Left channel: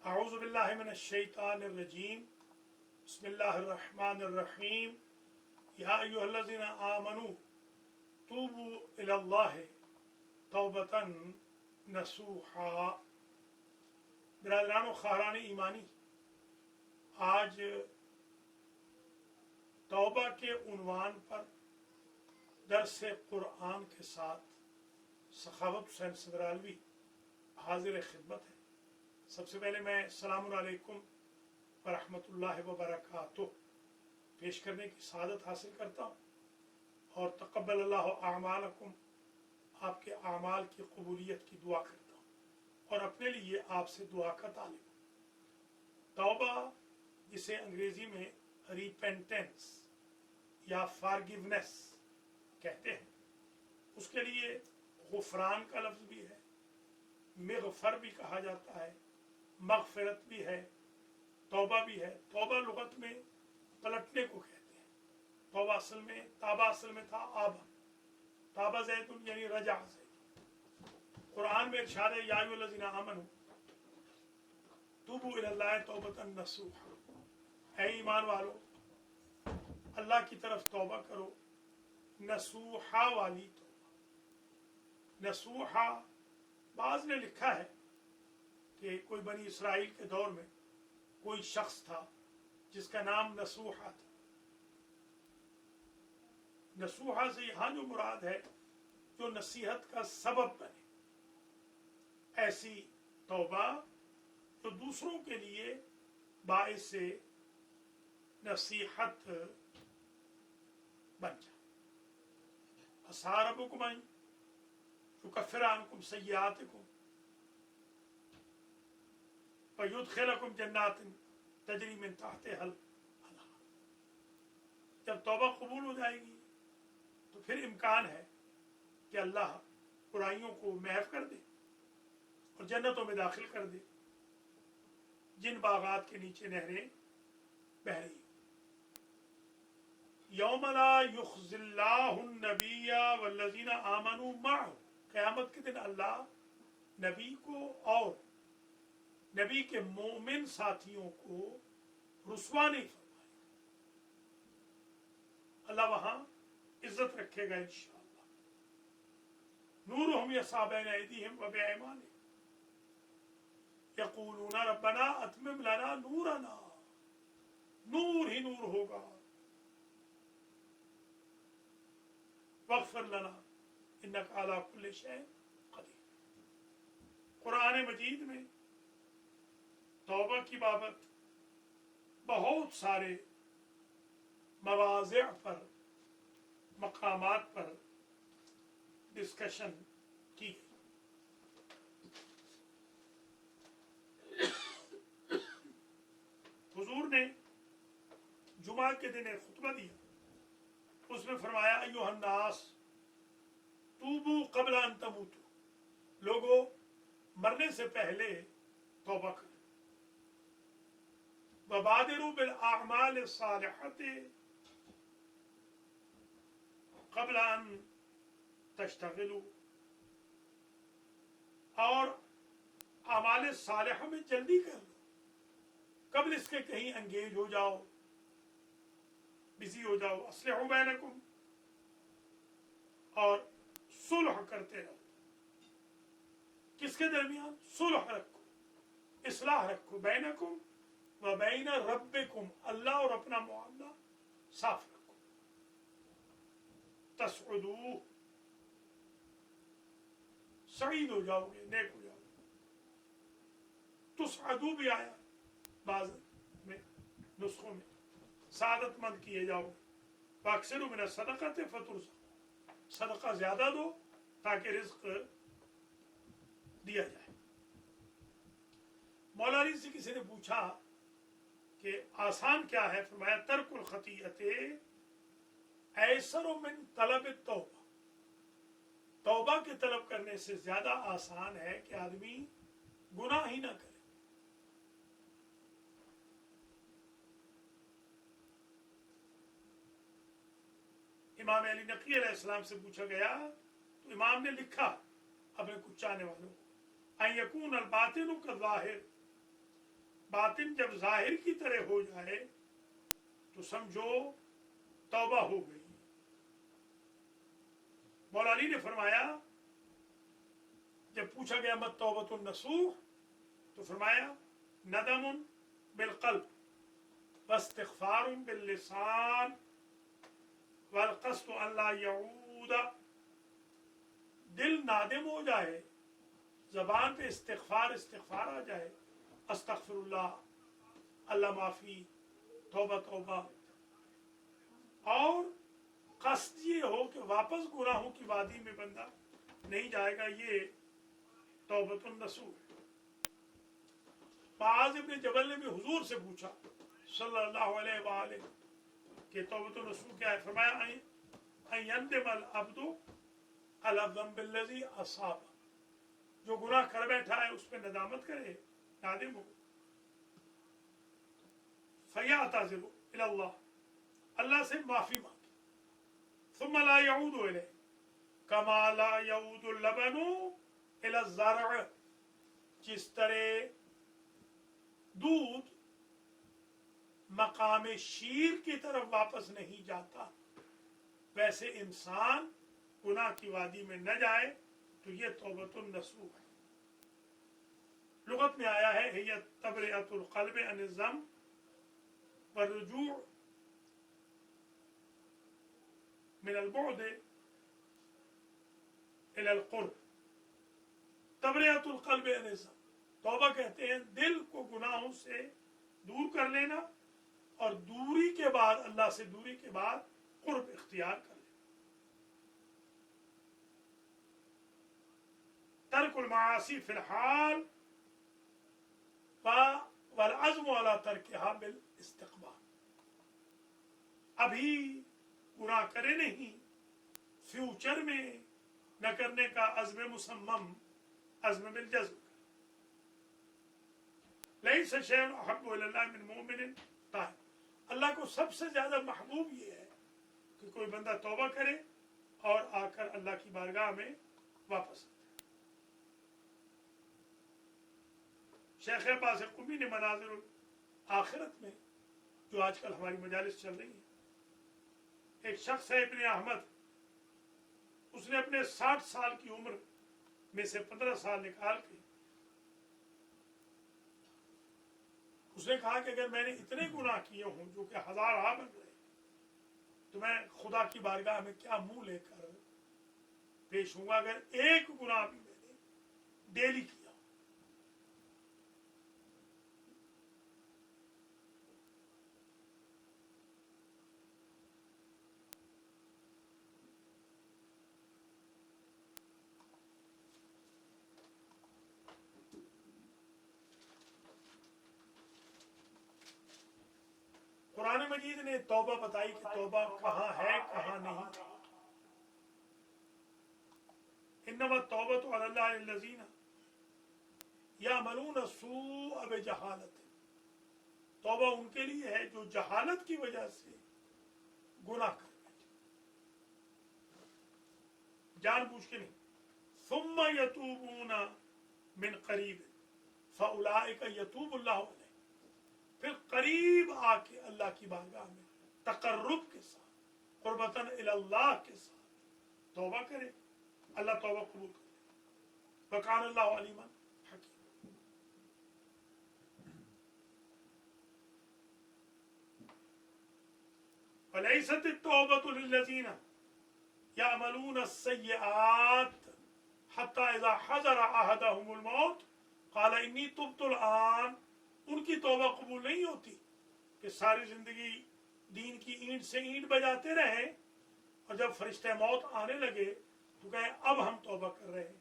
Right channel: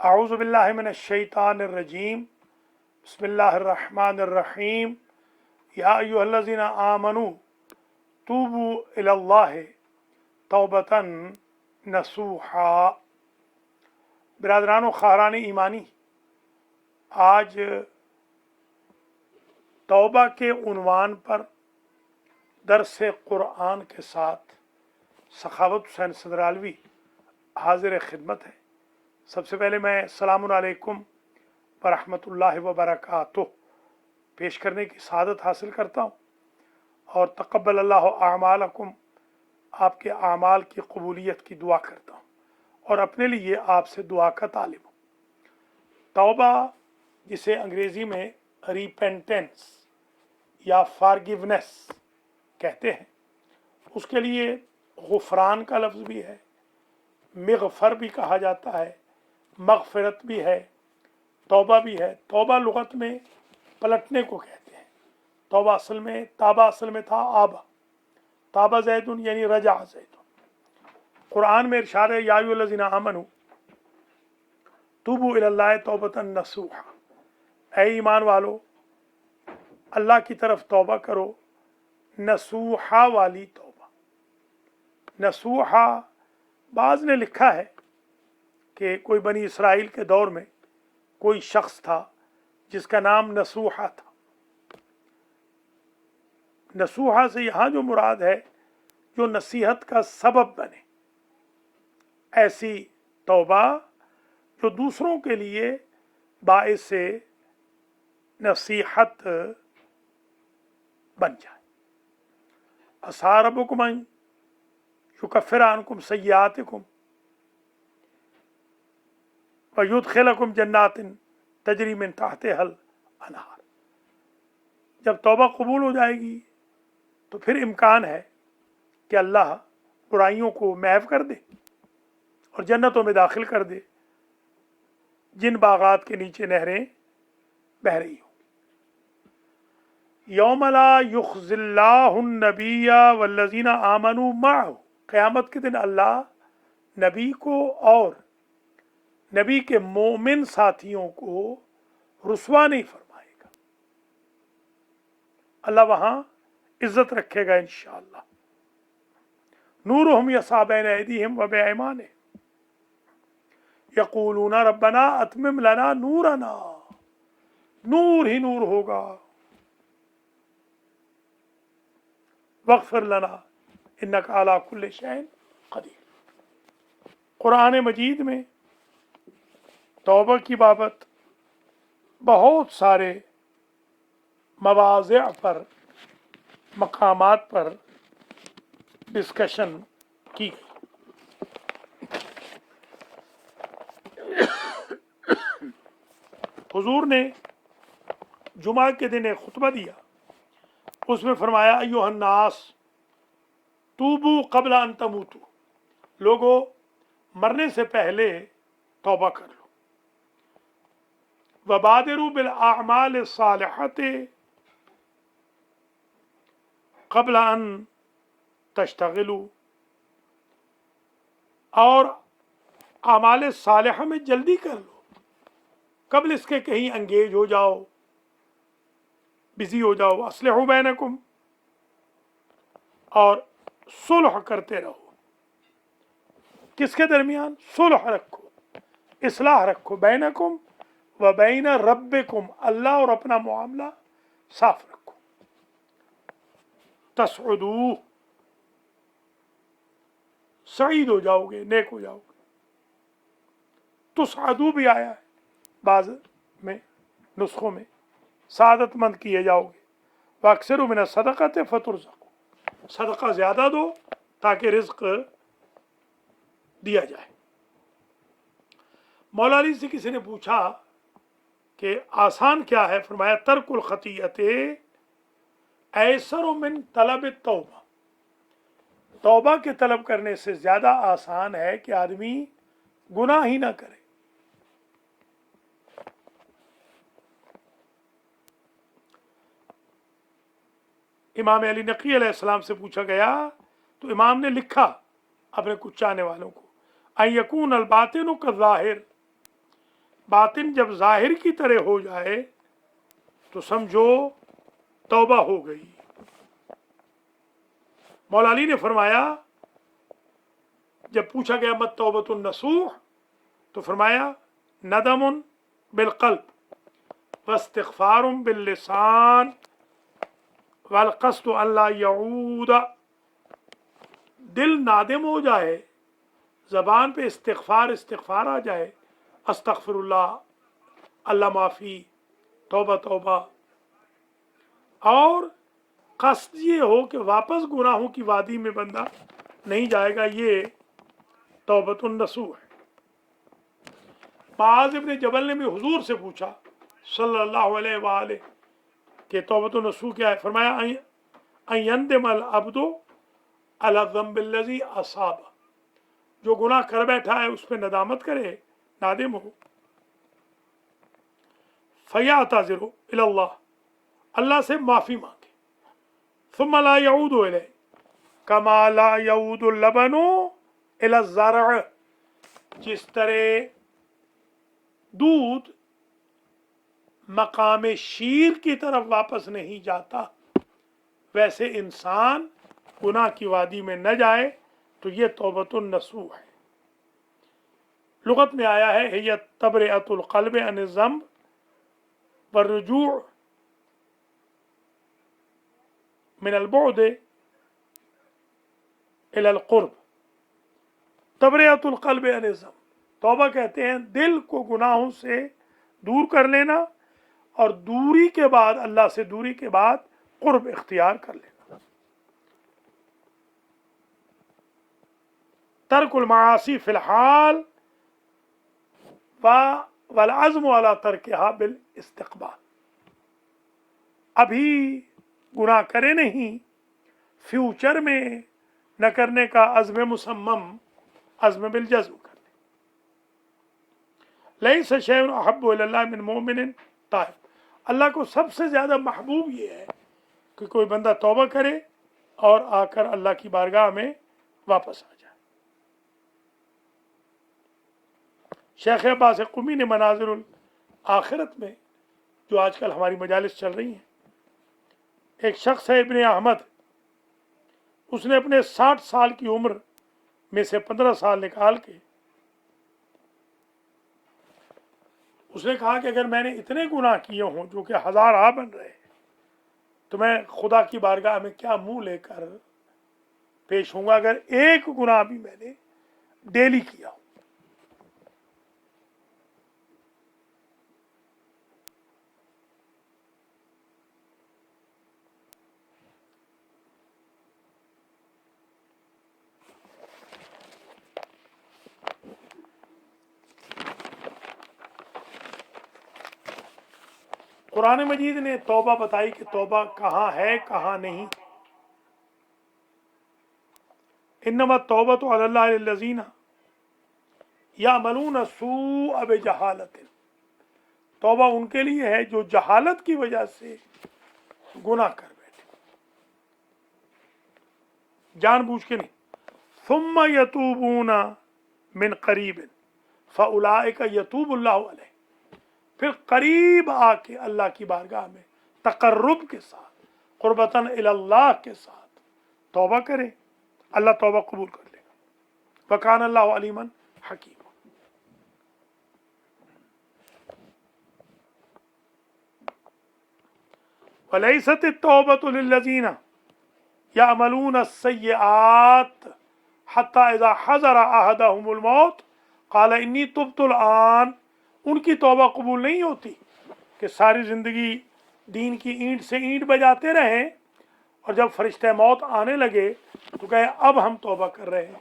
अऊज़ु बिल्लाहि मिनश शैतानिर रजीम बिस्मिल्लाहिर रहमानिर रहीम या अय्युहल्लज़ीना आमनू तूबू इलल्लाहि तौबतन नसूहा। बिरादरान व ख़ारान ईमानी, आज तौबा के उन्वान पर दरस क़ुरआन के साथ सखावत हुसैन सदरालवी हाजिर खिदमत है। सबसे पहले मैं अस्सलामु अलैकुम व रहमतुल्लाहि व बरकातुहू पेश करने की सआदत हासिल करता हूँ और तक़ब्बल अल्लाहु आमालकुम, आपके आमाल की कबूलियत की दुआ करता हूँ और अपने लिए आपसे दुआ का तालिब हूँ। तौबा, जिसे अंग्रेज़ी में रिपेंटेंस या फॉरगिवनेस कहते हैं, उसके लिए गुफ़रान का लफ्ज़ भी है, मग़फ़र भी कहा जाता है, मग़फ़िरत भी है, तौबा भी है। तौबा लुग़त में पलटने को कहते हैं। तौबा असल में था आबा, ताबा ज़ैदुन यानी रजा ज़ैदुन। कुरान में इरशाद है या अय्युहल्लज़ीना आमनू तूबू इलल्लाहि तौबतन नसूहा, ऐ ईमान वालो अल्लाह की तरफ तौबा करो, नसूहा वाली तौबा। नसूहा, बाज़ ने लिखा है कि कोई बनी इसराइल के दौर में कोई शख्स था जिसका नाम नसूहा था। नसूहा से यहाँ जो मुराद है, जो नसीहत का सबब बने, ऐसी तौबा जो दूसरों के लिए बाइस नसीहत बन जाए। असा रब्बुकुम अन युकफ्फिर अन्कुम सय्यातिकुम व युदखिलकुम जन्नातिन तजरी मिन तहतिहल अनहार। जब तौबा कबूल हो जाएगी तो फिर इम्कान है कि अल्लाह बुराइयों को महव कर दे और जन्नतों में दाखिल कर दे, जिन बागात के नीचे नहरें बह रही हो। यौम ला युख़्ज़िल्लाहु नबिय्या वल्लज़ीना आमनू मअहू, क़यामत के दिन अल्लाह नबी को और नबी के मोमिन साथियों को रुसवा नहीं फरमाएगा। अल्लाह वहाँ इज्जत रखेगा इंशाअल्लाह। नूरुहुम यस्सा बैन ऐदीहिम व बिअयमानिहिम यक़ूलूना रब्बना अतमिम लना नूरना, नूर ही नूर होगा, वग़फ़िर लना इन्नका अला कुल्लि शैइन क़दीर। कुरान मजीद में तौबा की बाबत बहुत सारे मवाज़िअ पर, मकामात पर डिस्कशन की गई। हुजूर ने जुमा के दिन एक खुतबा दिया, उसमें फरमाया अय्युहन नास तूबू क़ब्ल अन तमूतू, लोगो मरने से पहले तौबा कर लो। वबादिरू बिल आमाल सालिहति क़ब्ल अन तश्तगिलू, और आमाल सालिहा में जल्दी कर लो, कबल इसके कहीं अंगेज हो जाओ, बिजी हो जाओ। अस्लिहू बैनकुम, और सुलह करते रहो। किसके दरमियान? सुलह रखो, इस्लाह रखो, बैनकुम व बैन रब्बिकुम, अल्लाह और अपना मामला साफ रखो। तसउदू, सईद हो जाओगे, नेक हो जाओगे। तुसअदू भी आया है बाज़ में नुस्खों में, सादतमंद किए जाओगे। वअक्सिरू मिन सदक़ति फतुरज़क़ू, सदका ज़्यादा दो ताकि रिज़्क़ दिया जाए। मौला अली से किसी ने पूछा कि आसान क्या है? फरमाया तर्कुल खतीअते ऐसरु मिन तलब तौबा, तौबा के तलब करने से ज़्यादा आसान है कि आदमी गुनाह ही ना करे। इमाम अली नक़ी अलैहिस्सलाम से पूछा गया तो इमाम ने लिखा अपने कुछ चाहने वालों को, अन यकून अल बातिनु कज़ाहिर, باطن जब जाहिर की तरह हो जाए तो समझो तौबा हो गई। मौला अली ने फरमाया, जब पूछा गया मत तौबतुन नसूह, तो फरमाया नदमुन बिलकल्ब वस्तिग़फ़ारुन बिल्लिसान वल क़स्दु अल्ला यऊद। दिल नादिम हो जाए, जबान पे इस्तिग़फ़ार आ जाए, अस्तग़फिरुल्लाह, अल्लाह माफ़ी, तौबा तौबा, और कस्द ये हो कि वापस गुनाहों की वादी में बंदा नहीं जाएगा, ये तौबतुन नसूह है। मुआज़ इब्न जबल ने भी हुजूर से पूछा सल्लल्लाहु अलैहि वसल्लम कि तौबतुन नसूह क्या है? फरमाया अयंदिमल अब्दु अला ज़ंबिल्लज़ी असाबा, जो गुनाह कर बैठा है उस पर नदामत करे, नादिम हो, फयातज़िरु इलल्लाह, अल्लाह से माफ़ी मांगे, सुम्मा ला यऊदु इलैहि कमा ला यऊदु लबनु इला ज़रअ, जिस तरह दूध मकाम शीर की तरफ वापस नहीं जाता, वैसे इंसान गुनाह की वादी में न जाए तो ये तौबतुन नसूह है। लुगत में आया है हिय तबरिअतुल क़ल्ब अन ज़ंब वरुजू मिनल बुअद इलल क़ुर्ब। तबरिअतुल क़ल्ब अन ज़ंब, तौबा कहते हैं दिल को गुनाहों से दूर कर लेना, और दूरी के बाद, अल्लाह से दूरी के बाद क़ुर्ब इख्तियार कर लेना। तर्कुल मासी फिलहाल वल अज़्म अला तर्किहा बिल इस्तिक़बाल, अभी गुनाह करे नहीं, फ्यूचर में न करने का अज़्म मुसम्मम, अज़्म बिल जज़्म कर ले। लैस शैउन अहब्बु इलल्लाह मिन मोमिनिन ताइब, अल्लाह को सबसे ज़्यादा महबूब ये है कि कोई बंदा तौबा करे और आकर अल्लाह की बारगाह में वापस आ जाए। शेख अब्बास क़ुमी ने मनाज़िरुल आखिरत में, जो आजकल हमारी मजालिस चल रही हैं, एक शख्स है इब्ने अहमद, उसने अपने 60 साल की उम्र में से 15 साल निकाल के उसने कहा कि अगर मैंने इतने गुनाह किए हों जो कि हजार बन रहे हैं, तो मैं खुदा की बारगाह में क्या मुंह लेकर पेश होऊंगा अगर एक गुनाह भी मैंने डेली किया हो। कुरान मजीद ने तौबा बताई कि तौबा कहाँ है कहाँ नहीं। इन्नमा तौबतु अलल्लाहि लिल्लज़ीना यामलून सूअ बिजहालतिन, तौबा उनके लिए है जो जहालत की वजह से गुनाह कर बैठे, जानबूझ के नहीं। सुम्मा यतूबूना मिन करीबिन फउलाइका यतूबुल्लाहु अलैहिम, फिर करीब आके अल्लाह की बारगाह में तकर्रुब के साथ, कुर्बतन इलल्लाह के साथ तौबा करें, अल्लाह तौबा कबूल कर लेगा। वकान अल्लाहु अलीमन हकीम। वलैसत तौबतु लिल्लज़ीना यामलून अस्सय्यआत हत्ता इज़ा हज़रा अहदहुमुल मौत क़ाल इन्नी तुब्तुल आन, उनकी तौबा कबूल नहीं होती कि सारी ज़िंदगी दीन की ईंट से ईंट बजाते रहें और जब फरिश्ते मौत आने लगे तो कहे अब हम तौबा कर रहे हैं,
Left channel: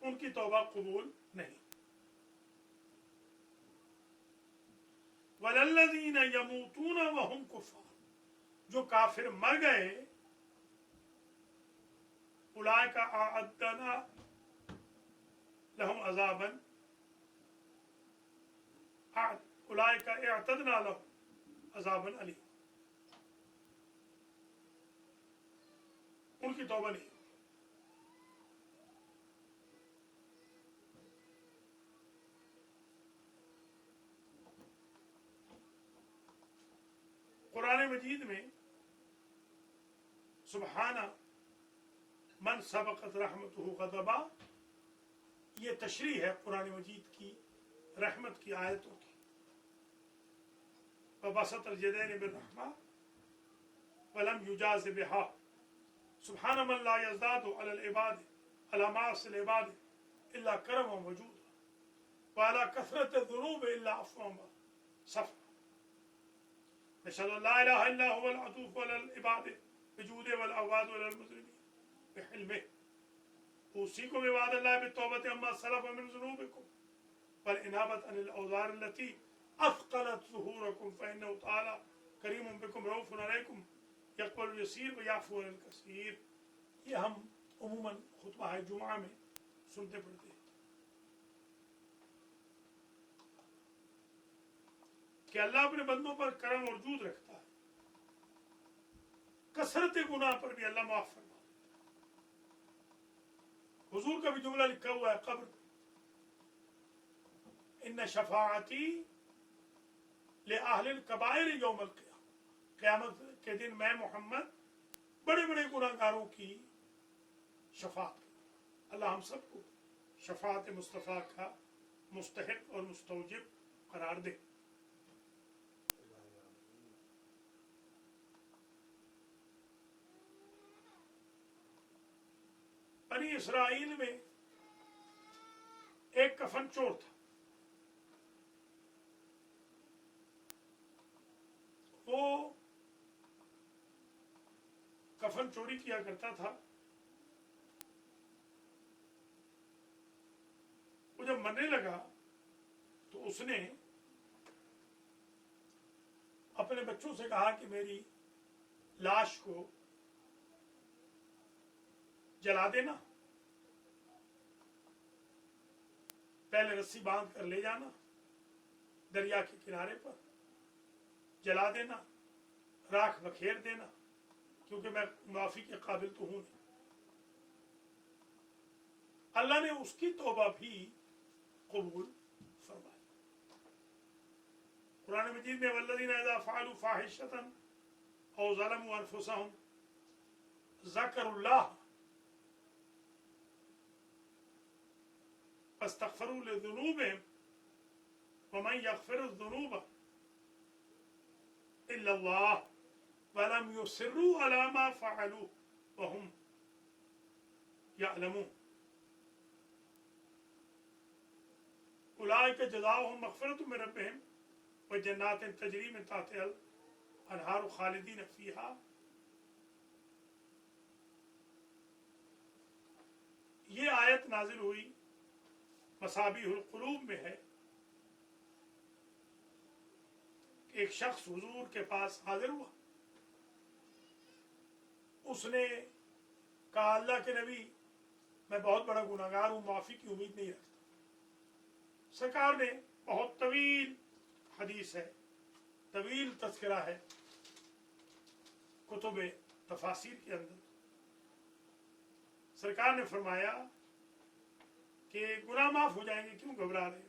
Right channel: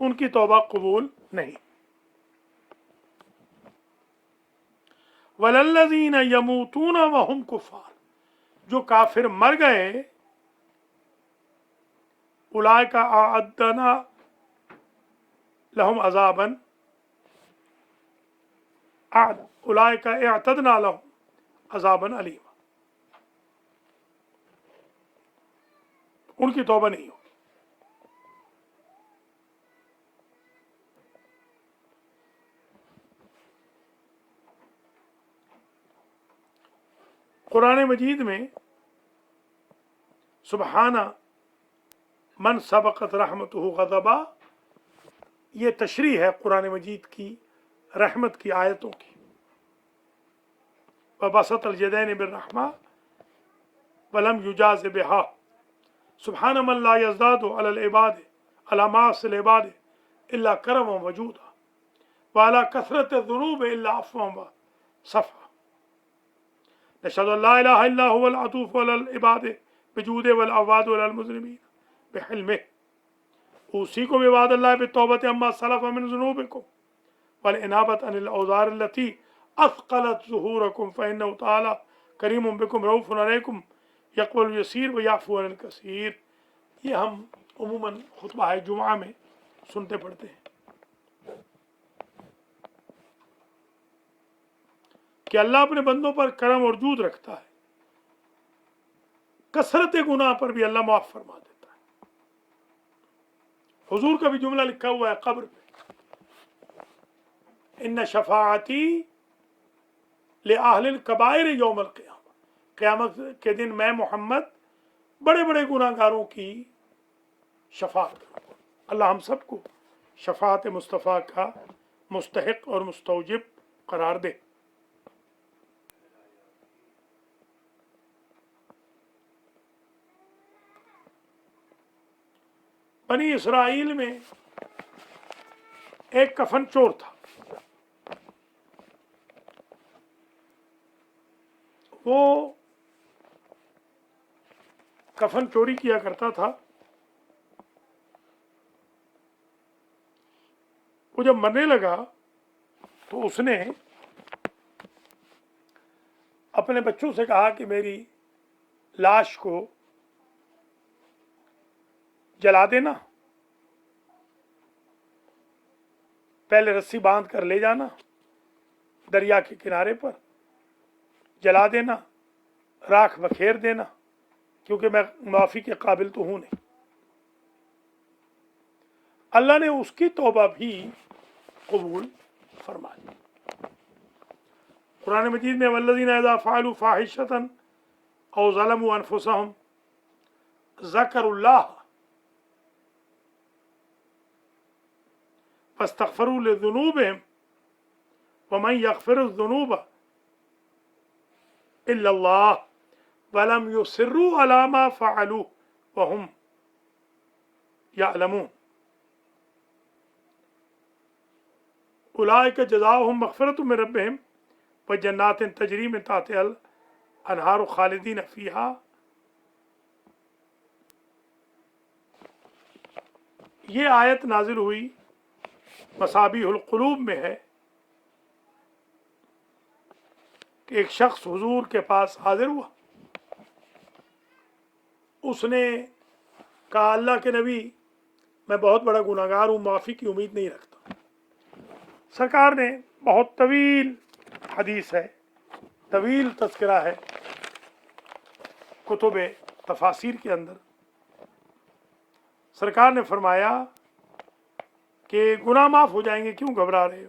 उनकी तौबा कबूल नहीं। वलल्लज़ीना यमूतूना वहुम कुफ़ार, जो काफिर मर गए, उलाइका अअद्दना लहुम अज़ाबन उलाइका अअतदना लहुम अज़ाबन अलीमा, उनकी तौबा नहीं होगी। قرآن مجید میں سبحانہ من سبقت رحمتہ غضبا، یہ تشریح ہے قرآن مجید کی رحمت کی آیتوں کی. وبسط اليدین بالرحمہ ولم یجاز بہا، سبحان من لا یزداد علی العباد علی معاصی العباد الا کرما وجودا وعلی کثرت الذنوب الا عفوا وصفحا. نشهد ان لا اله الا هو العطوف على العباد بجوده والعواد على المذنبين بحلمه. اوصيكم عباد الله بالتوبة عما سلف من ذنوبكم والانابة عن الاوزار التي اثقلت ظهوركم فانه تعالى کریم بكم رؤوف عليكم يقبل اليسير ويعفو عن الكثير. یہ ہم عموماً خطبہ جمعہ میں سنتے پڑھتے ہیں کہ اللہ اپنے بندوں پر کرم اور جود رکھتا ہے، کثرت گناہ پر بھی اللہ معاف فرما دیتا ہے. حضور کا بھی جملہ لکھا ہوا ہے قبر پہ، ان شفاعتی لأہل الکبائر یوم القیامہ، قیامت کے دن میں محمد بڑے بڑے گناہ گاروں کی شفاعت کروں گا. اللہ ہم سب کو شفاعت مصطفیٰ کا مستحق اور مستوجب قرار دے. بنی اسرائیل میں ایک کفن چور تھا. وہ کفن چوری کیا کرتا تھا. وہ جب مرنے لگا تو اس نے اپنے بچوں سے کہا کہ میری لاش کو جلا دینا، پہلے رسی باندھ کر لے جانا دریا کے کنارے پر، جلا دینا، راکھ بکھیر دینا، کیونکہ میں معافی کے قابل تو ہوں نہیں. اللہ نے اس کی توبہ بھی قبول فرما لی. قرآن مجید میں والذین اذا فعلوا فاحشۃ او ظلموا انفسهم ذکروا اللہ فاستغفروا لذنوبهم ومن يغفر الذنوب الا اللہ ولم يصروا على ما فعلوا وهم يعلمون اولئک جزاؤہم مغفرۃ من ربہم وجنات تجری من تحتہا الانہار خالدین فیہا. یہ آیت نازل ہوئی مصابیح القلوب میں ہے کہ ایک شخص حضور کے پاس حاضر ہوا. اس نے کہا اللہ کے نبی میں بہت بڑا گناہ گار ہوں، معافی کی امید نہیں رکھتا. سرکار نے بہت طویل حدیث ہے، طویل تذکرہ ہے کتب تفاسیر کے اندر. سرکار نے فرمایا کہ گناہ معاف ہو جائیں گے، کیوں گھبرا رہے ہو؟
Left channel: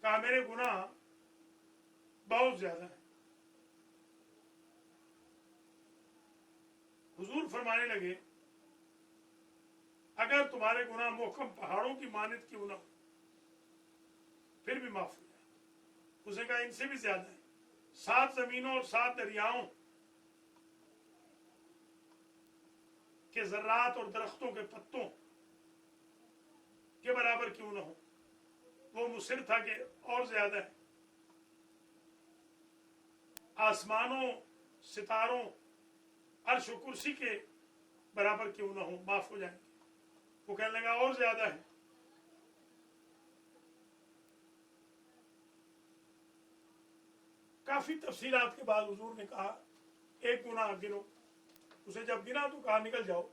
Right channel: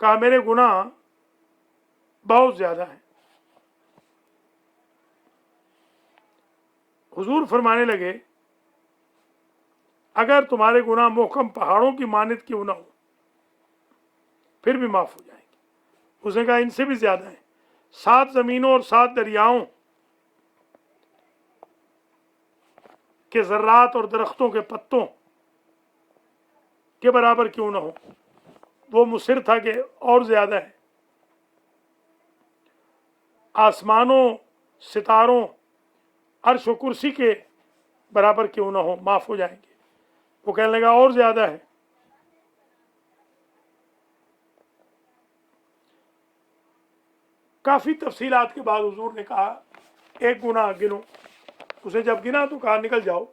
کہا میرے گناہ بہت زیادہ ہیں. حضور فرمانے لگے اگر تمہارے گناہ محکم پہاڑوں کی مانند کیوں نہ ہو پھر بھی معاف ہو جائیں گے. اس نے کہا ان سے بھی زیادہ ہیں، 7 زمینوں اور 7 دریاؤں کے ذرات اور درختوں کے پتوں کے برابر کیوں نہ ہو. وہ مصر تھا کہ اور زیادہ ہے. آسمانوں، ستاروں، عرش و کرسی کے برابر کیوں نہ ہو، معاف ہو جائیں گے. وہ کہنے لگا اور زیادہ ہے. کافی تفصیلات کے بعد حضور نے کہا ایک گناہ گنو. اسے جب گنا تو کہا نکل جاؤ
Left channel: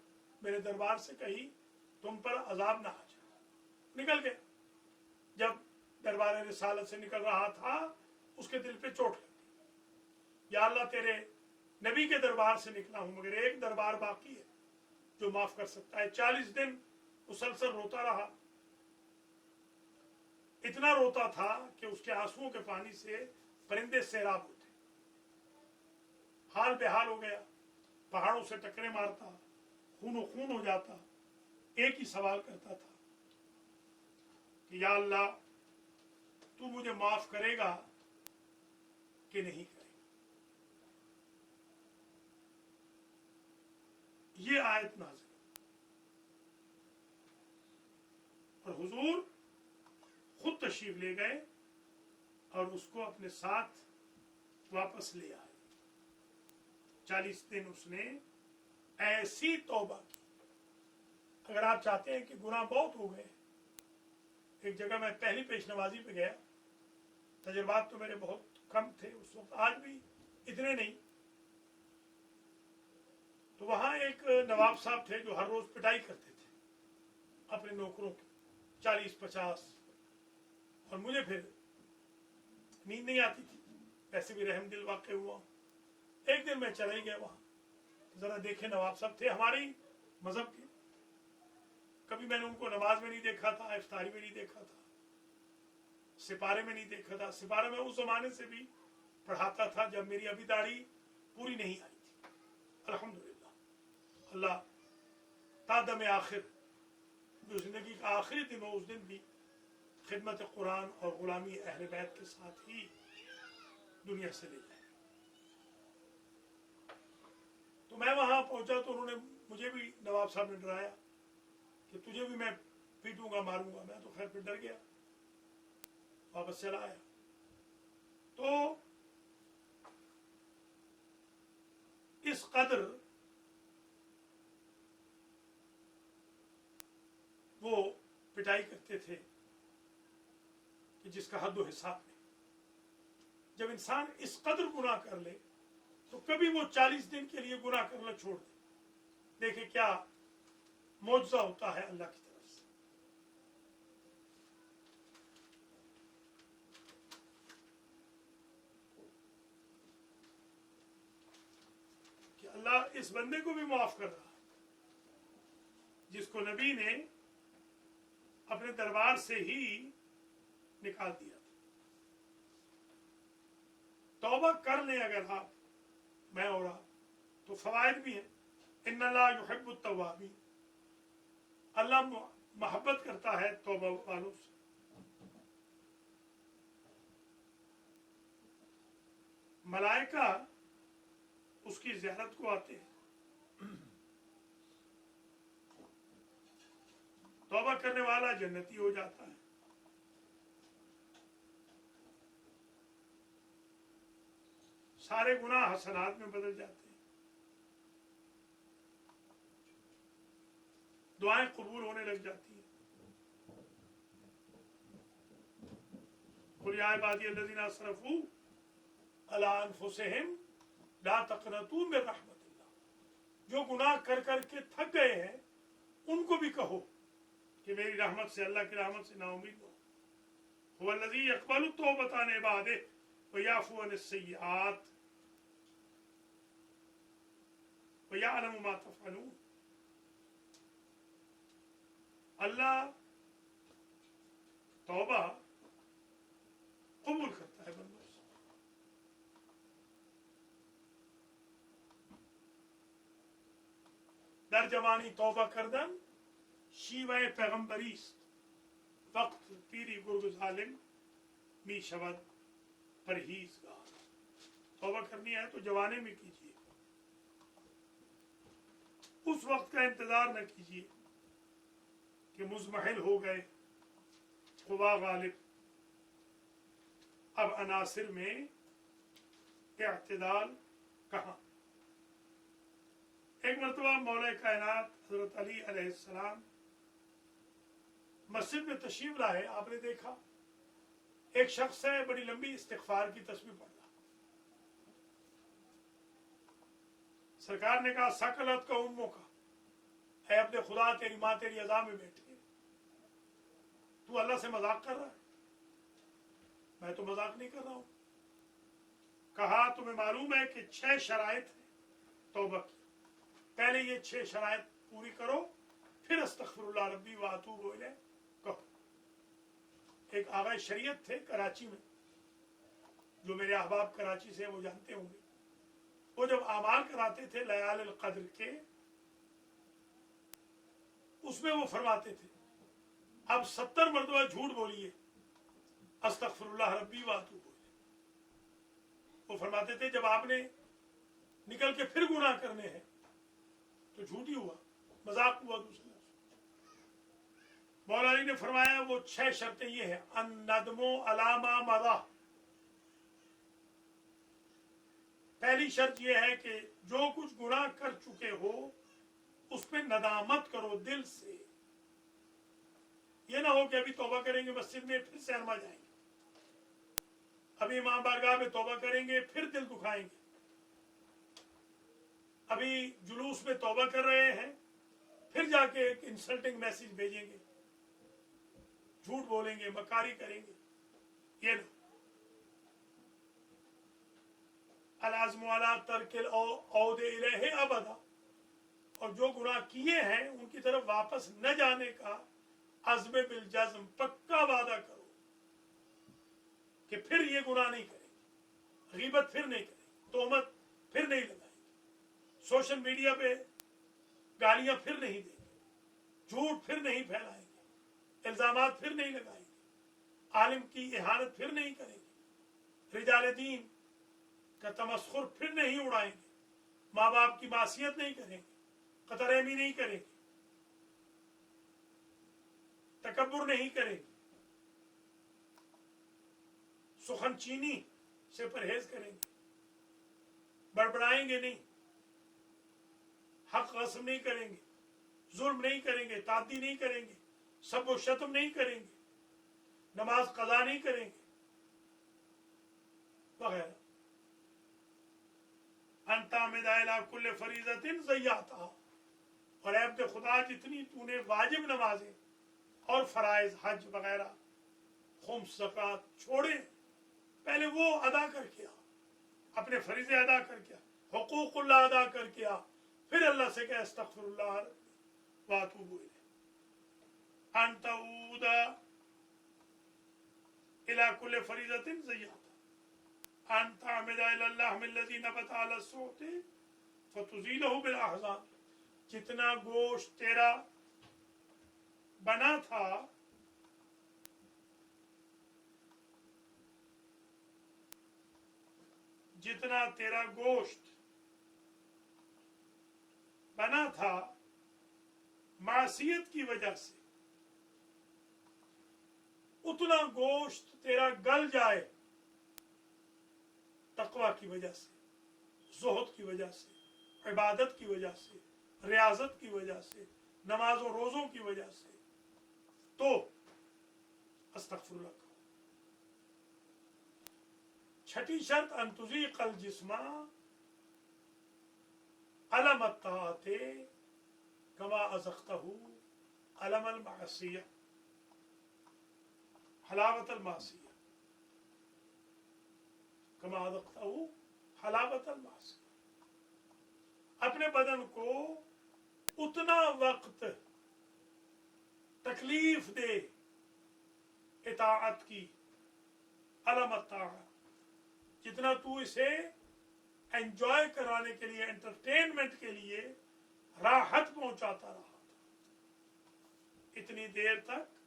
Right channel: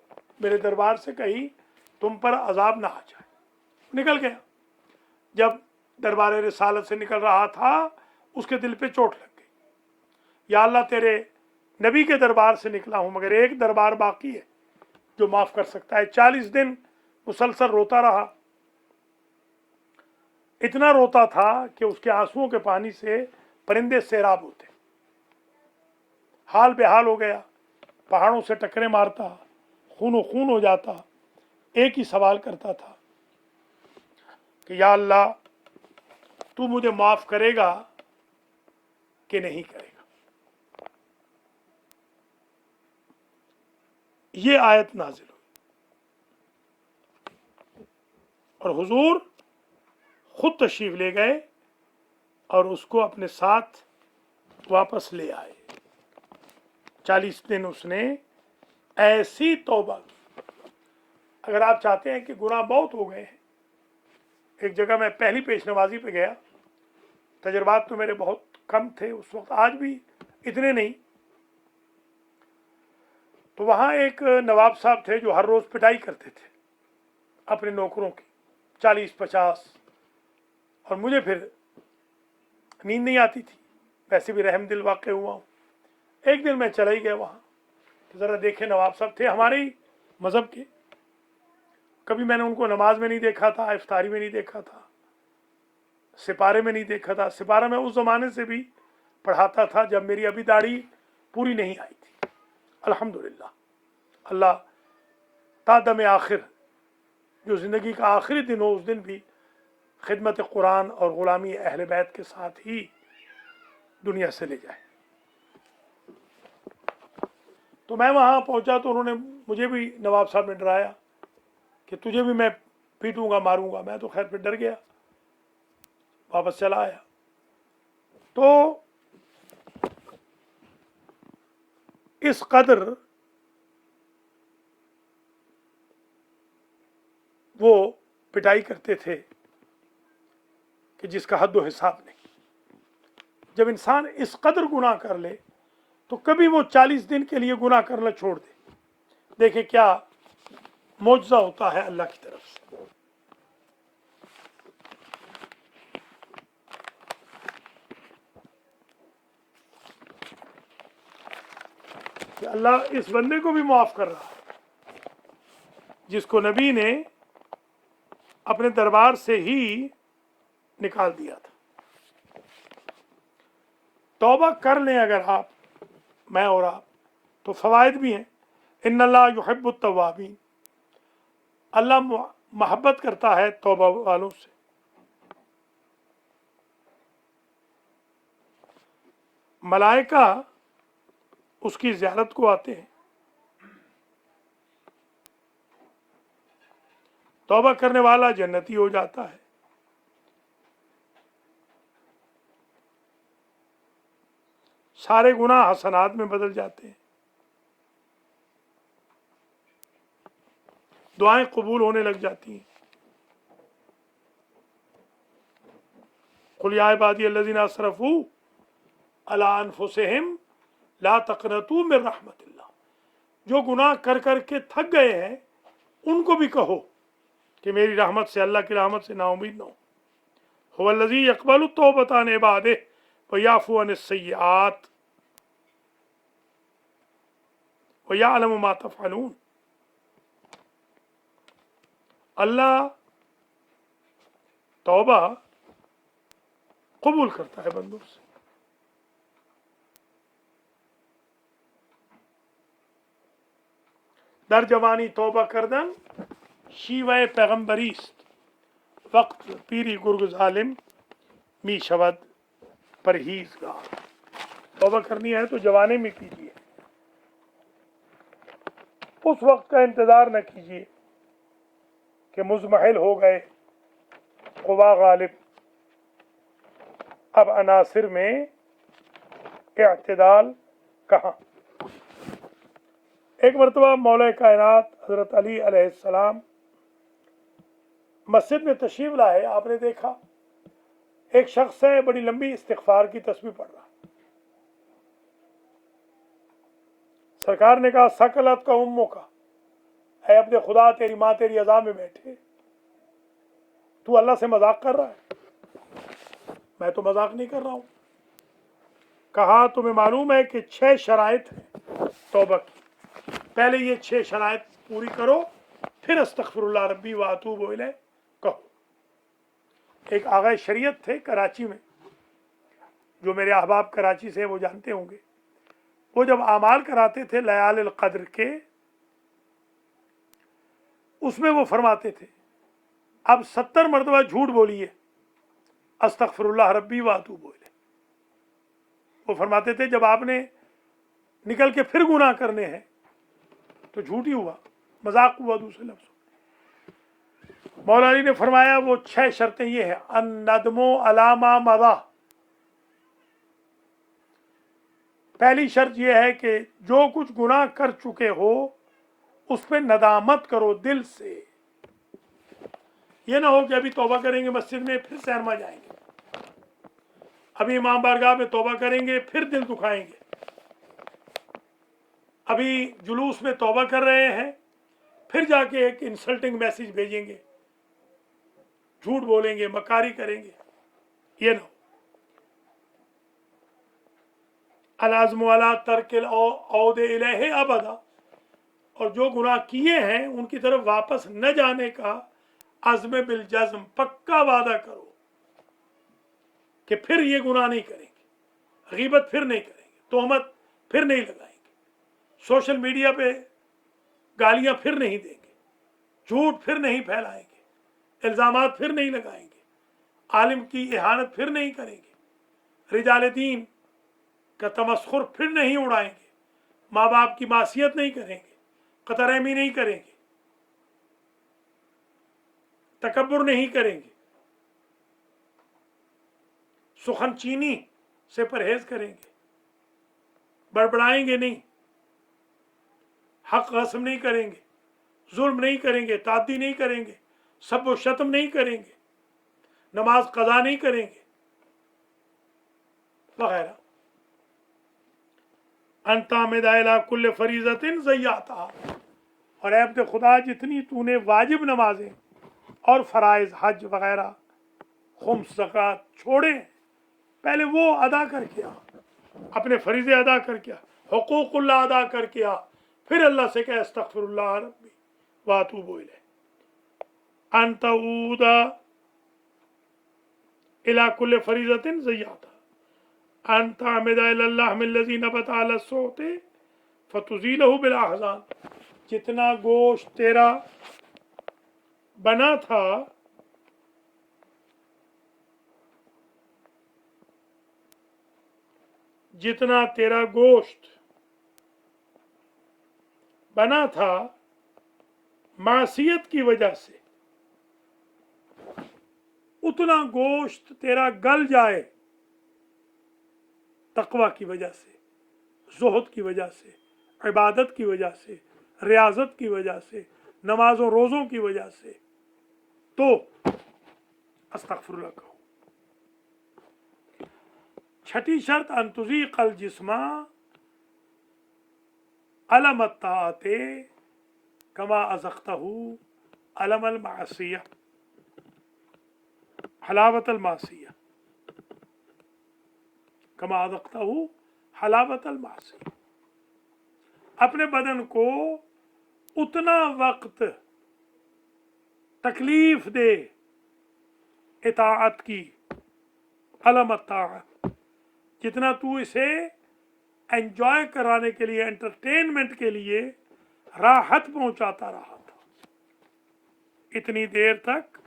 میرے دربار سے، کہیں تم پر عذاب نہ آ جائے. نکل گیا. جب دربار رسالت سے نکل رہا تھا اس کے دل پہ چوٹ لگ گئی. یا اللہ تیرے نبی کے دربار سے نکلا ہوں مگر ایک دربار باقی ہے جو معاف کر سکتا ہے. 40 دن مسلسل روتا رہا. اتنا روتا تھا کہ اس کے آنسوؤں کے پانی سے परिंदे सैराब होते, हाल बेहाल हो गया, पहाड़ों से टकरे मारता, खूनो खून हो जाता, एक ही सवाल करता था कि या अल्लाह तू मुझे माफ करेगा कि नहीं करेगा। ये आयत नाजिल हुई और हुजूर खुद तशरीफ ले गए और उसको अपने साथ वापस ले आए। 40 दिन उसने ऐसी तौबा की। अगर आप चाहते हैं कि गुनाह बहुत हो गए हैं, एक जगह मैं पहली पेश नवाजी पे गया, तजर्बात तो मेरे बहुत कम थे उस वक्त, आज भी इतने नहीं, तो वहाँ एक नवाब साहब थे जो हर रोज़ पिटाई करते थे अपने नौकरों की, 40-50, और मुझे फिर नींद नहीं आती थी, वैसे भी रहम दिल वाक़ हुआ हूँ। एक दिन मैं चला ही गया वहाँ, तो ज़रा देखे नवाब साहब थे हमारे ही मज़हब के, कभी मैंने उनको नमाज में नहीं देखा था, इफ्तारी में नहीं देखा था, सिपारे में नहीं देखा था। सिपारा मैं उस ज़माने से भी पढ़ाता था जब मेरी अभी दाढ़ी पूरी नहीं आई थी। अल्हम्दुलिल्लाह, अल्लाह तादम आखिर, जो ज़िंदगी का आखिरी दिन हो, उस दिन भी खिदमत कुरान और ग़ुलामी अहले बैत के साथ ही दुनिया से ले जाए। तो मैं वहाँ पहुँचा तो उन्होंने मुझे भी, नवाब साहब ने डराया कि तुझे भी मैं पीटूंगा मारूंगा। मैं तो खैर फिर डर गया, वापस चला आया। तो इस कदर वो पिटाई करते थे कि जिसका हद व हिसाब नहीं। जब इंसान इस कदर गुनाह कर ले तो कभी वो 40 दिन के लिए गुनाह करना छोड़ दे, देखे क्या मौजज़ा होता है अल्लाह की तरफ से। कि अल्लाह इस बंदे को भी माफ कर रहा है जिसको नबी ने अपने दरबार से ही निकाल दिया था। तौबा कर लें अगर आप, मैं और आप, तो फवायद भी हैं। इन्नल्लाह युहिब्बुत तव्वाबीन, अल्लाह मोहब्बत करता है तौबा वालों से। मलाइका उसकी ज़ियारत को आते हैं। तौबा करने वाला जन्नती हो जाता है। सारे गुनाह हसनात में बदल जाते हैं। दुआएं कबूल होने लग जाती हैं। कुल या इबादियल्लज़ीना असरफू अला अनफुसिहिम ला तक़नतू मिन रहमतिल्लाह, जो गुनाह कर कर के थक गए हैं उनको भी कहो कि मेरी रहमत से, अल्लाह की रहमत से नाउमीद न हो। हुवल्लज़ी यक़बलु तौबता अन इबादिही व याफ़ू अनिस सय्यिआत व यअलमु मा तफ़अलून। अल्लाह तौबा कबूल करता है बंदों से। दर जवानी तौबा करदन शीवे पैगम्बरीस्त, वक्त पीरी गुर्ग जालिम मी शबद परहेज़गार। तौबा करनी है तो जवानी में कीजिए, उस वक्त का इंतज़ार न कीजिए कि मुज़महिल हो गए, क़ुवा गालिब। अब अनासिर में इअ्तिदाल कहाँ। एक मरतबा मौला कायनात हज़रत अली अलैहिस्सलाम मस्जिद में तशरीफ लाए। आपने देखा एक शख्स है, बड़ी लंबी इस्तिग़फ़ार की तस्बीह पढ़ रहा। सरकार ने कहा सकलत का उम्मों का, है अपने खुदा तेरी माँ तेरी अज़ा में बैठे, तू अल्लाह से मजाक कर रहा है। मैं तो मजाक नहीं कर रहा हूँ। कहा तुम्हें मालूम है कि 6 शराइत हैं तौबा की, पहले ये 6 शराइत पूरी करो, फिर अस्तग़फिरुल्लाह रब्बी व अतूबु इलैह कहो। एक आगा शरीयत थे कराची में, جو میرے احباب کراچی سے وہ جانتے ہوں گے، وہ جب اعمال کراتے تھے لیال القدر کے، اس میں وہ فرماتے تھے اب 70 مرتبہ جھوٹ بولیے، استغفر اللہ ربی واتوب الیہ۔ وہ فرماتے تھے جب آپ نے نکل کے پھر گناہ کرنے ہیں تو جھوٹ ہی ہوا، مذاق ہوا دوسرے لفظ۔ مولا علی نے فرمایا وہ 6 شرطیں یہ ہیں: الندم علی ما مضی، پہلی شرط یہ ہے کہ جو کچھ گناہ کر چکے ہو اس پہ ندامت کرو دل سے، یہ نہ ہو کہ ابھی توبہ کریں گے مسجد میں پھر سینما جائیں گے، ابھی امام بارگاہ میں توبہ کریں گے پھر دل دکھائیں گے، ابھی جلوس میں توبہ کر رہے ہیں پھر جا کے ایک انسلٹنگ میسج بھیجیں گے، جھوٹ بولیں گے، مکاری کریں گے، یہ نہ ہو۔ العزم علی ترک العود الیہ ابدا، اور جو گناہ کیے ہیں ان کی طرف واپس نہ جانے کا عزم بالجزم، پکا وعدہ کرو کہ پھر یہ گناہ نہیں کریں گے، غیبت پھر نہیں کریں گے، تہمت پھر نہیں لگائیں گے، سوشل میڈیا پہ گالیاں پھر نہیں دیں گے، جھوٹ پھر نہیں پھیلائیں گے، الزامات پھر نہیں لگائیں گے، عالم کی اہانت پھر نہیں کریں گے، رجال دین کا تمسخر پھر نہیں اڑائیں گے، ماں باپ کی معصیت نہیں کریں گے، قطع رحمی نہیں کریں گے، تکبر نہیں کریں گے، سخن چینی سے پرہیز کریں گے، بڑبڑائیں گے نہیں، حق غصب نہیں کریں گے، ظلم نہیں کریں گے، تعدی نہیں کریں گے، سب و شتم نہیں کریں گے، نماز قضا نہیں کریں گے، وغیرہ۔ ان تعمد الی کل فریضۃ ضیعتھا، اور اے عبد خدا جتنی تو نے واجب نمازیں اور فرائض حج وغیرہ خمس زکوٰۃ چھوڑے پہلے وہ ادا کر کے آ، اپنے فریضے ادا کر کے آ، حقوق اللہ ادا کر کے آ، پھر اللہ سے کہ استغفر اللہ ربی واتوب الیہ۔ ان تعود الی کل فریضۃ ضیعتھا، ان تعمد الی اللحم الذی نبت علی الصوت فتزیلہ بالاحزان، جتنا گوشت تیرا بنا تھا جتنا تیرا گوشت بنا تھا معصیت کی وجہ سے، اتنا گوشت تیرا گل جائے تقوی کی وجہ سے، زہد کی وجہ سے، عبادت کی وجہ سے، ریاضت کی وجہ سے، نماز و روزوں کی وجہ سے، تو استغفر اللہ کہو۔ چھٹی شرط ان تذیق الجسم علم الطاعت کما ازقتہ علم المعصیہ، حلاوت المعصیہ، کما ازقتہ حلاوت المعصیہ، اپنے بدن کو اتنا وقت تکلیف دے اطاعت کی، علم الطاعت، جتنا تو اسے انجوائے کرانے کے لیے، انٹرٹینمنٹ کے لیے راحت پہنچاتا رہا تھا، اتنی دیر تک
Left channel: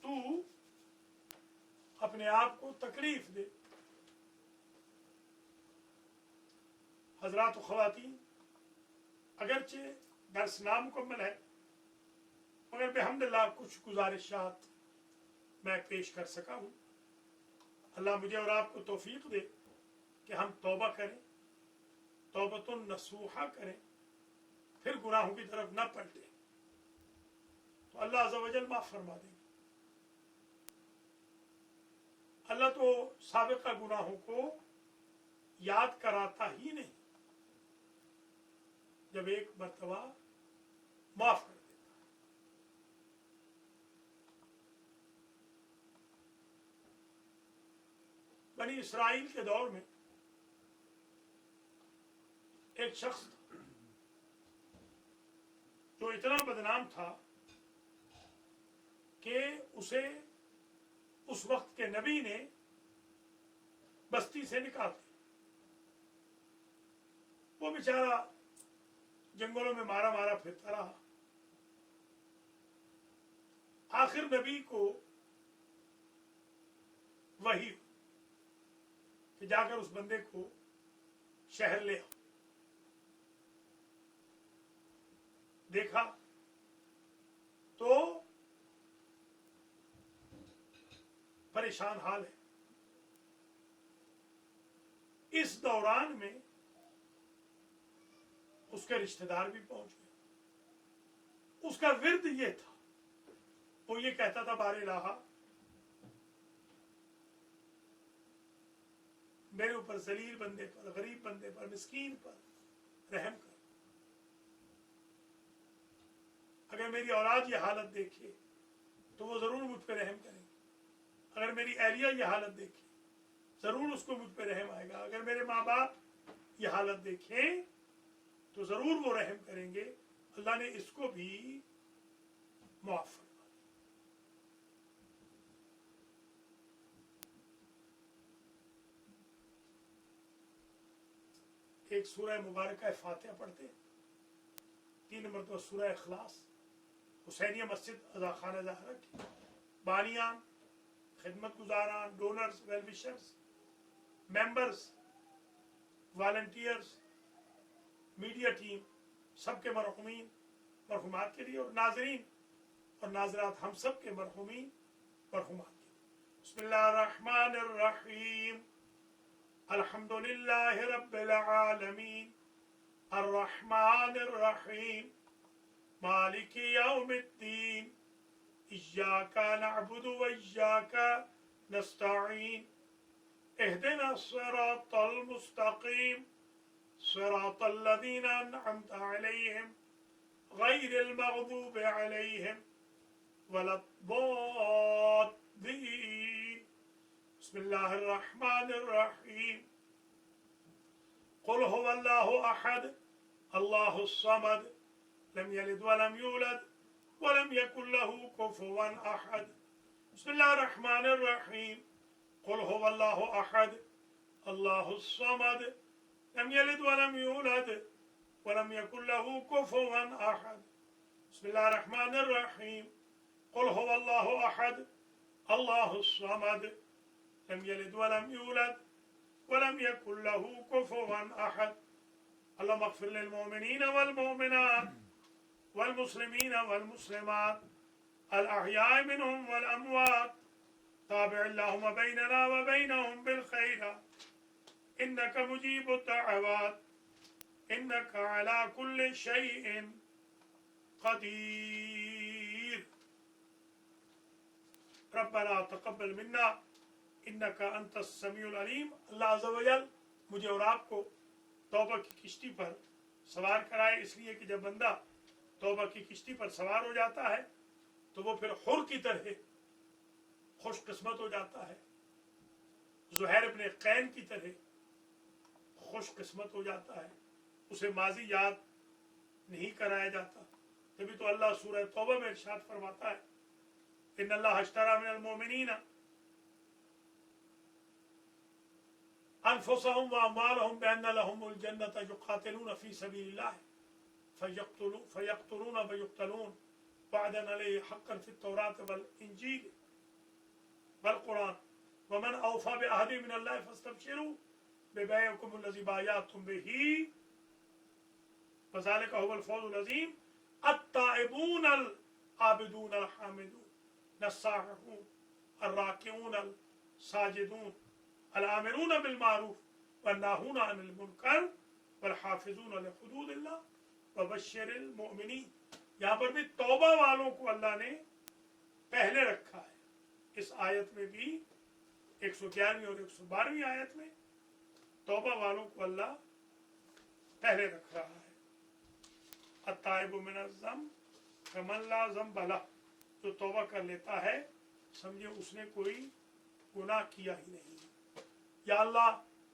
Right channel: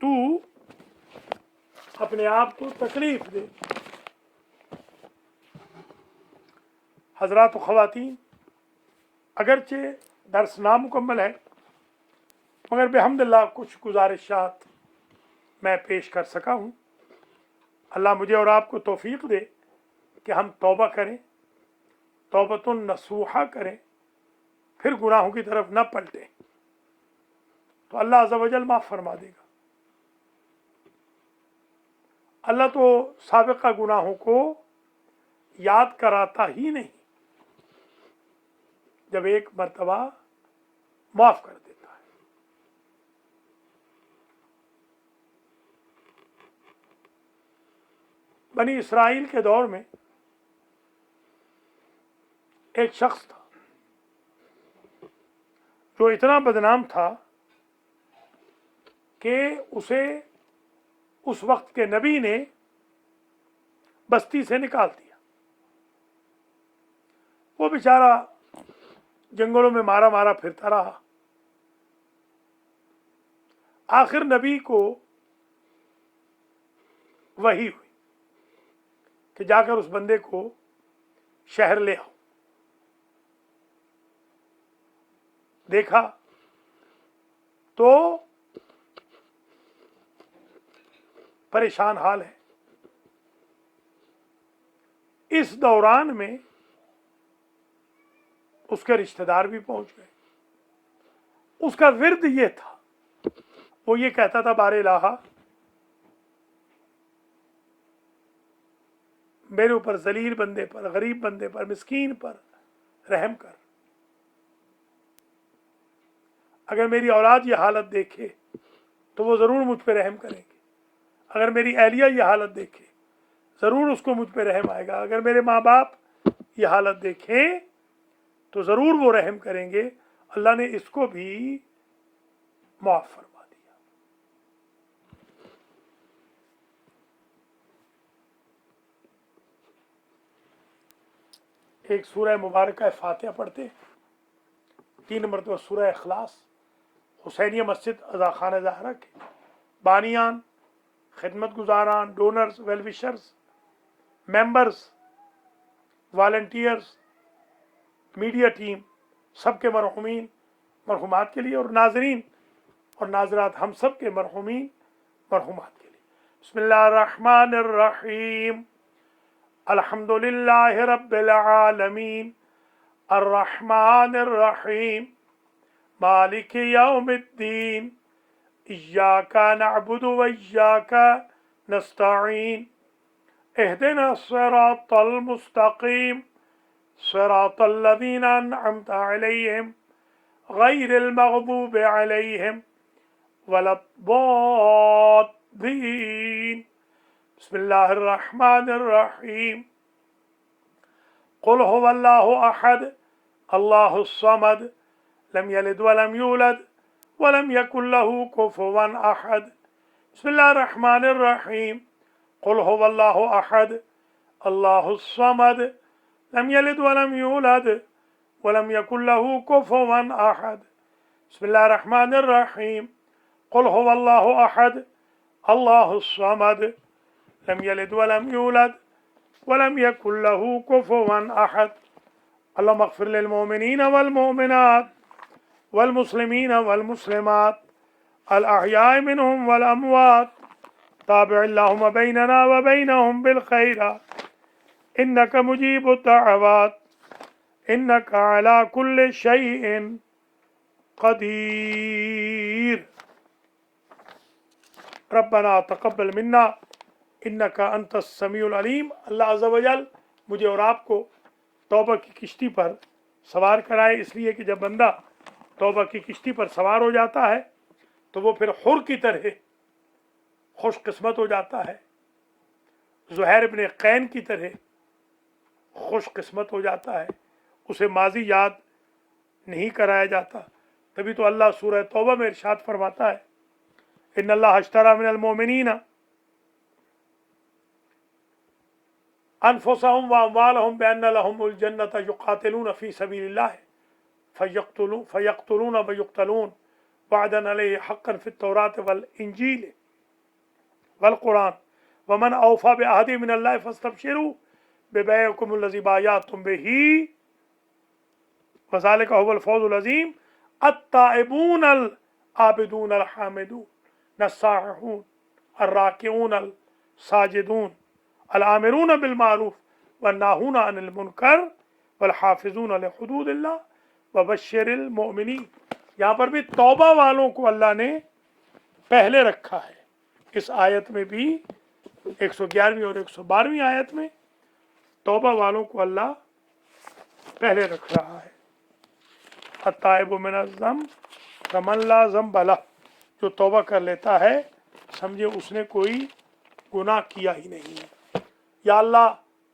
تو اپنے آپ کو تکلیف دے۔ حضرات و خواتین، اگرچہ درس نامکمل ہے مگر بحمداللہ کچھ گزارشات میں پیش کر سکا ہوں۔ اللہ مجھے اور آپ کو توفیق دے کہ ہم توبہ کریں، توبۃ نصوحہ کریں، پھر گناہوں کی طرف نہ پلٹیں، تو اللہ عز و جل معاف فرما دے گا۔ اللہ تو سابقہ گناہوں کو یاد کراتا ہی نہیں، جب ایک مرتبہ معاف کر دیتا ہے۔ بنی اسرائیل کے دور میں ایک شخص تھا جو اتنا بدنام تھا کہ اسے اس وقت کے نبی نے बस्ती से निकाल दिया। वो बेचारा जंगलों में मारा मारा फिरता रहा। आखिर नबी को वही हुई कि जाकर उस बंदे को शहर ले आओ। देखा तो परेशान हाल है। इस दौरान में उसके रिश्तेदार भी पहुंच गए। उसका विर्द ये था, वो ये कहता था, बारे इलाहा मेरे ऊपर जलील बंदे पर, गरीब बंदे पर, मिस्कीन पर रहम कर। अगर मेरी औलाद ये हालत देखे तो वो जरूर मुझ पर रहम करेंगे। अगर मेरी अहलिया ये हालत देखे जरूर उसको मुझ पर रहम आएगा। अगर मेरे माँ बाप ये हालत देखें तो जरूर वो रहम करेंगे। अल्लाह ने इसको भी माफ फरमा दिया। एक सूरह मुबारक फातिहा पढ़ते, 3 मरतबा सूरह इखलास। हुसैनिया मस्जिद अज़ा खान ज़हरा के बानियान, खिदमत गुजारान, donors, well wishers, members, volunteers, media team, सबके मरहुमीन मरहुमात के लिए, और नाजरीन और नाजरात हम सब के मरहुमीन मरहुमात के लिए। बिस्मिल्लाहिर्रहमानिर्रहीम। अल्हम्दुलिल्लाहि रब्बिल आलमीन अर्रहमानिर्रहीम मालिकि यौमिद्दीन इय्याका नअबुदु व इय्याका नस्तईन इहदिना सिरातल मुस्तकीम सिरातल लज़ीना अनअमता अलैहिम गैरिल मग़दूबि अलैहिम वलद्दॉल्लीन। बिस्मिल्लाहिर्रहमानिर्रहीम। क़ुल हुवल्लाहु अहद अल्लाहुस समद लम यलिद वलम यूलद वलम यकुल लहू कुफुवन अहद। बिस्मिल्लाहिर्रहमानिर्रहीम। क़ुल हुवल्लाहु अहद अल्लाहुस समद लम यलिद वलम यूलद वलम यकुल लहू कुफुवन अहद। बिस्मिल्लाहिर्रहमानिर्रहीम। क़ुल हुवल्लाहु अहद अल्लाहुस समद लम यलिद वलम यूलद वलम यकुल लहू कुफुवन अहद। अल्लाहुम्मा अग़फ़िर लिल मुमिनीना वल मुमिनात वल मुस्लिमीना वल मुस्लिमात अल अहयाइ मिनहुम वल अमवात ताबिअ अल्लाहुम्मा बैनना व बैनहुम बिल खैरात इन्नका मुजीबुद दअवात इन्नका अला कुल्लि शैइन क़दीर। रब्बना तक़ब्बल मिन्ना इन्नका अंतस समीउल अलीम। अल्लाह अज़्ज़ा व जल मुझे और आपको तौबा की किश्ती पर सवार कराए, इसलिए कि जब बंदा तौबा की किश्ती पर सवार हो जाता है तो वो फिर हुर की तरह खुशकिस्मत हो जाता है, ज़ुहैर इब्न कैन की तरह खुशकिस्मत हो जाता है। उसे माजी याद नहीं कराया जाता। तभी तो अल्लाह सूरह तौबा में इरशाद फरमाता है, इन्नल्लाह अश्तरा मिनल मोमिनीना अनफुसहुम व अम्वालहुम बिअन्ना लहुमुल जन्नत युक़ातिलून फ़ी सबीलिल्लाह फ़यक़्तुलून व युक़्तलून वअदन अलैहि हक़्क़न फ़ित तौरात वल इंजील वल कुरान वमन औफ़ा बिअहदिही मिनल्लाहि फ़स्तबशिरू बिबैइकुमुल्लज़ी बायअतुम बिही वज़ालिका हुवल फ़ौज़ुल अज़ीम। अत्ताइबून अल आबिदून अल हामिदून अस्साइहून अर्राकिऊन अल साजिदून अल आमिरून बिल मारूफ वन्नाहून अनिल मुनकर वल हाफ़िज़ून लिहुदूदिल्लाह वबश्शिरिल मुमिनीन। यहाँ पर भी तौबा वालों को अल्लाह ने पहले रखा है। इस आयत में भी 111वीं और 112वीं आयत में तौबा वालों को अल्लाह पहले रख रहा है। अत्ताइबु मिनज़ ज़ंब कमन ला ज़ंब लह, जो तौबा कर लेता है समझे उसने कोई गुनाह किया ही नहीं है। या अल्लाह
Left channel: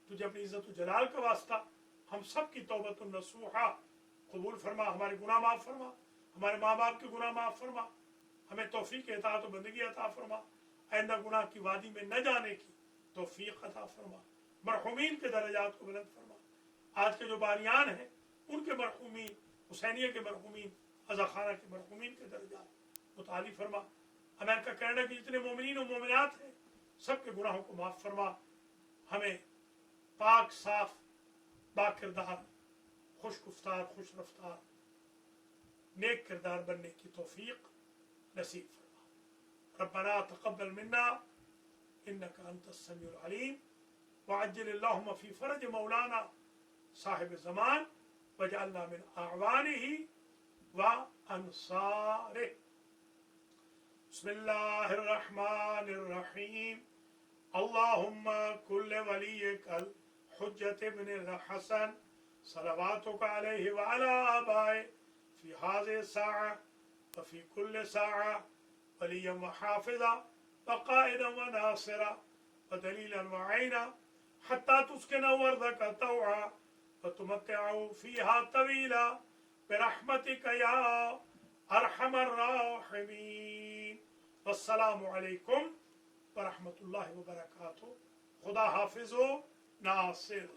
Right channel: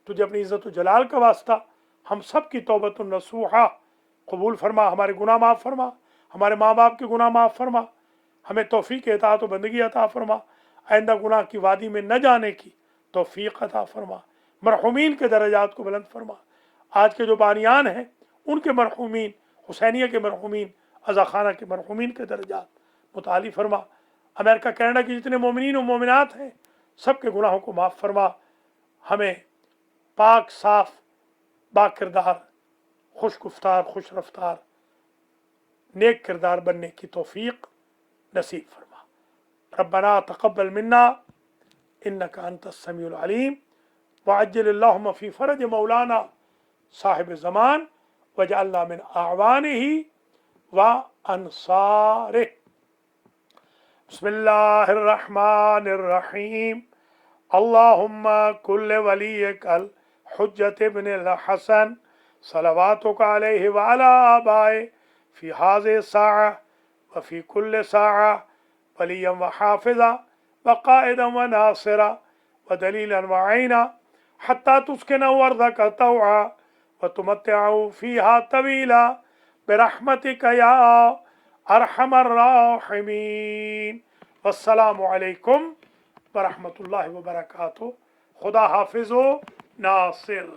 तुझे अपनी इज़्ज़त व जलाल का वास्ता हम सब की तौबतुन नसूहा कबूल फरमा, हमारे गुनाह माफ़ फरमा, हमारे माँ बाप के गुनाह माफ़ फरमा, हमें तौफीक इताअत व बंदगी अता फरमा, आइंदा गुनाह की वादी में न जाने की तौफीक अता फरमा। मरहूमीन के दर्जात को बुलंद फरमा। आज के जो बानियान हैं उनके मरहूमीन, हुसैनिया के मरहूमीन, अज़ा खाना के मरहूमीन के दर्जात मुताली फरमा। अमेरिका कनाडा के जितने मोमिनीन और मोमिनात हैं सबके गुनाहों को माफ़ फरमा। हमें पाक साफ बाकिरदार, खुश गुफ्तार, खुश रफ्तार, नेक किरदार बनने की तौफीक नसीब फरमा। रब्बना तक़ब्बल मिन्ना इन्नका अंतस समीउल अलीम वअज्जिल फ़ी फ़रज मौलाना साहिब ज़मान वजअलना मिन अअवानिही व अंसारिह। बिस्मिल्लाहिर रहमानिर रहीम। अल्लाहुम्मा कुल्ल वलियकल हुज्जत इब्निल हसन सलवातुका अलैहि व अला आबाए फ़ी हाज़िहि साअ व फ़ी कुल्ल साअ वलिय्यन व हाफ़िज़ा व क़ाइदन व नासिरा व दलीलन व ऐना हत्ता तुस्किनहु अर्ज़क तौआ व तुमत्तिअहु फ़ीहा तवीला बिरहमतिका या अरहमर राहिमीन। वस्सलामु अलैकुम व रहमतुल्लाहि व बरकातुहू। खुदा हाफ़िज़ व नासिर।